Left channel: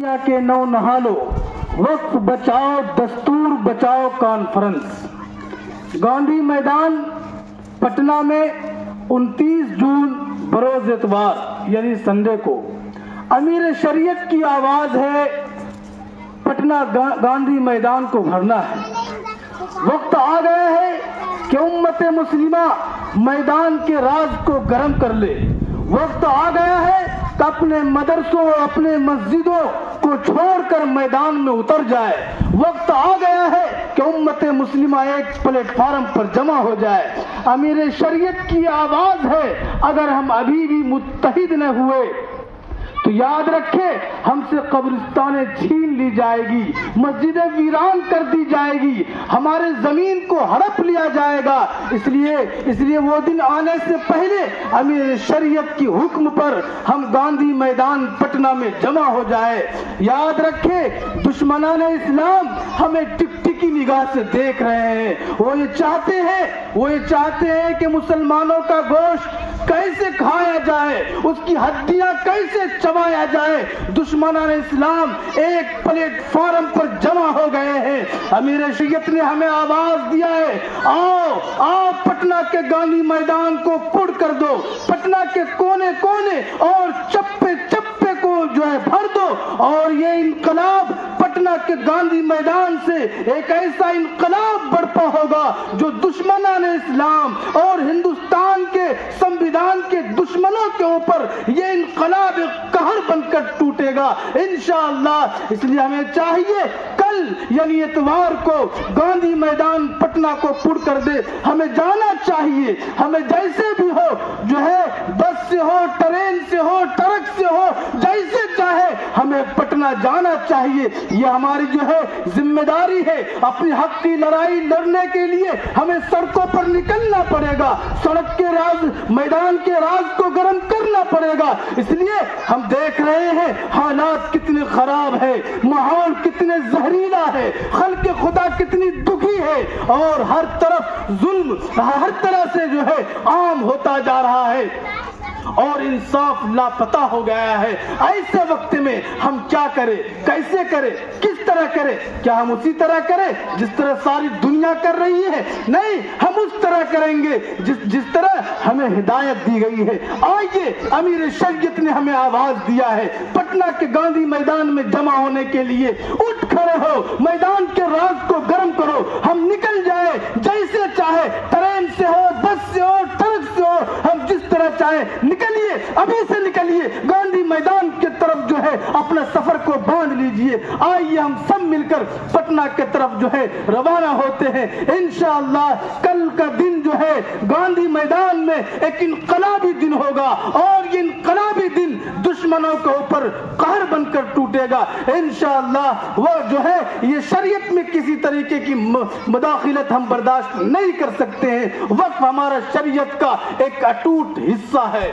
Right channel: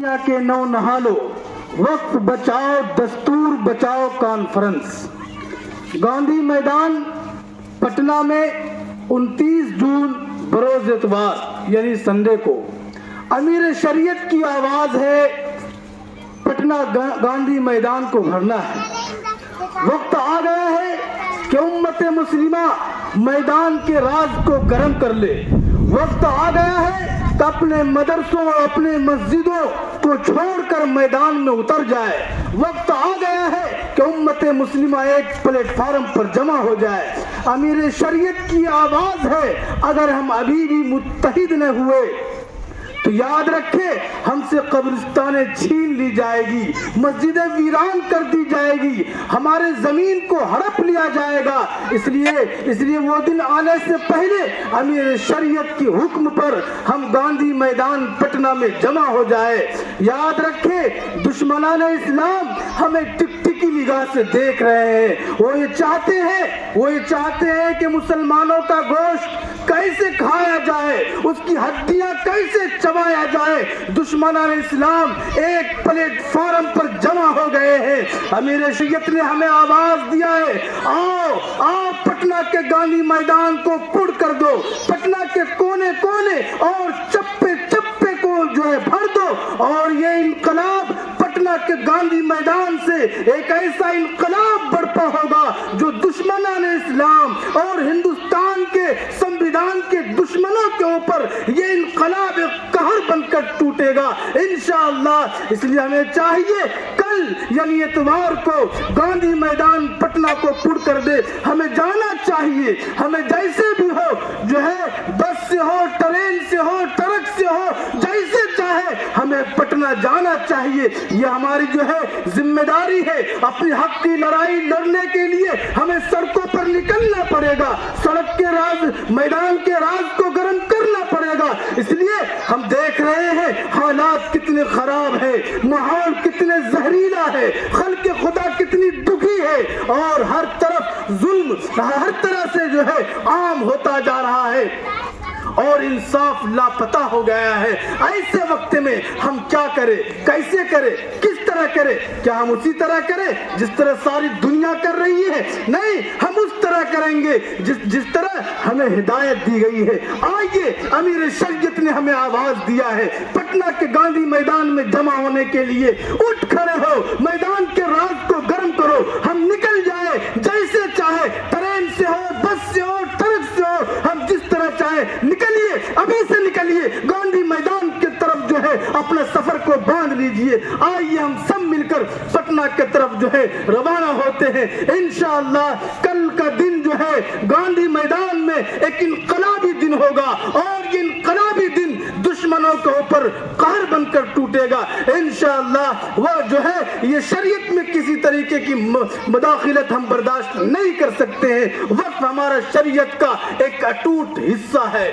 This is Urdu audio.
کے نو نہالو وقت بچاؤ دستور بچاؤ کانفرنس گاندھی میدان پٹنہ میں 29 جون بروز اتوار یعنی سنڈے کو امیر شریعت کی آواز ہے پٹنہ گاندھی میدان کو بھرنا ہے۔ وقت آ گیا ہے کہ امت مسلمہ میدان کے راز کو گرم کر لے۔ وقت آ گیا ہے کہ اپنے مدرسوں اپنے مسجدوں کو چھوڑ کر میدان میں اتر جائے۔ وقت آ گیا ہے کہ امت مسلمہ ایک پلیٹ فارم پر جمع ہو جائے۔ امیر شریعت کی آواز ہے، اگر ہم ابھی بھی متحد نہ ہوئے تو یاد رکھیں ہم سے قبرستانیں چھین لی جائے گی، مسجدیں ویران کر دی جائے گی، ہمارے زمین کو ہڑپ لیا جائے گا۔ اس لیے وہ دن آنے سے پہلے امیر شریعت کی حکم پر ہم گاندھی میدان پٹنہ میں جمع ہو جائے۔ یاد رکھیں دشمنان اسلام ہمیں ٹک ٹکی نگاہ سے دیکھ رہے ہیں۔ وہ یہ چاہتے ہیں کہ مسلمانوں کا گوشت کیسے کھایا جائے، اس کی ہڈیاں کیسے چبایا جائے۔ دشمنان اسلام ایک پلیٹ فارم پر جمع ہو گئے ہیں۔ امیر شریعت نے ہمیں آواز دیا ہے، آؤ پٹنہ کے گاندھی میدان کو پر کر دو، پٹنہ کے کونے کونے اور چپے چپے کو جو ہے بھر دو، اور یہ انقلاب پٹنہ کے گاندھی میدان سے ایک ایسا انقلاب برپا ہوگا جو دشمنان اسلام اور ہندوستان کے سنویدھان کے دشمنوں کے اوپر یہ انقلاب قہر بن کر ٹوٹے گا انشاءاللہ۔ اس لیے ہمیں چاہیے کل یعنی اتوار کو گاندھی میدان پٹنہ کو پر کر دے۔ ہمیں جانا چاہیے، ہمیں جیسے بھی ہو جو ہے بس سے ہو، ٹرین سے ہو، ٹرک سے ہو، جیسے چاہے ہمیں پٹنہ جانا چاہیے۔ یہ ہماری جو ہے ذمہ داری ہے۔ اپنی حق کی لڑائی لڑنے کے لیے ہمیں سڑکوں پر نکلنا پڑے گا، سڑک کے راز میدان کے راز کو گرم کرنا پڑے گا۔ اس لیے ہم دیکھ رہے ہیں حالات کتنے خراب ہے، ماحول کتنے زہریلا ہے، خلق خدا کتنی دکھی ہے، اور ہر طرف ظلم ہر طرح سے جو ہے عام ہوتا جا رہا ہے اور انصاف لاپتہ ہو گیا ہے۔ ایسے وقت میں ہم کیا کریں، کیسے کریں، کس طرح کریں؟ کیا ہم اسی طرح کریں جس طرح ساری دنیا کر رہی ہے؟ نہیں، ہم اس طرح کریں گے جس طرح ہمیں ہدایت دی گئی ہے۔ آئیے، امیر شریعت نے ہمیں آواز دیا ہے پٹنہ کے گاندھی میدان میں جمع ہونے کے لیے۔ اٹھ کھڑے ہو، میدان کے راز کو گرم کرو، ہم نکل جائے جیسے چاہے، ٹرین سے ہو، بس سے ہو، ٹرک سے ہو، ہم جس طرح چاہے نکلیے، ابھی سے نکلیے، گاندھی میدان کی طرف جو ہے اپنا سفر کو باندھ لیجئے۔ آئیے ہم سب مل کر پٹنہ کی طرف جو ہے روانہ ہوتے ہیں۔ انشاءاللہ کل کا دن جو ہے گاندھی میدان میں ایک انقلابی دن ہوگا، اور یہ انقلابی دن دشمنوں کے اوپر قہر بن کر ٹوٹے گا انشاءاللہ۔ وہ جو ہے یہ شریعت میں کسی طریقے کی مداخلت ہم برداشت نہیں کر سکتے ہیں۔ وقت ہمارا شریعت کا ایک اٹوٹ حصہ ہے۔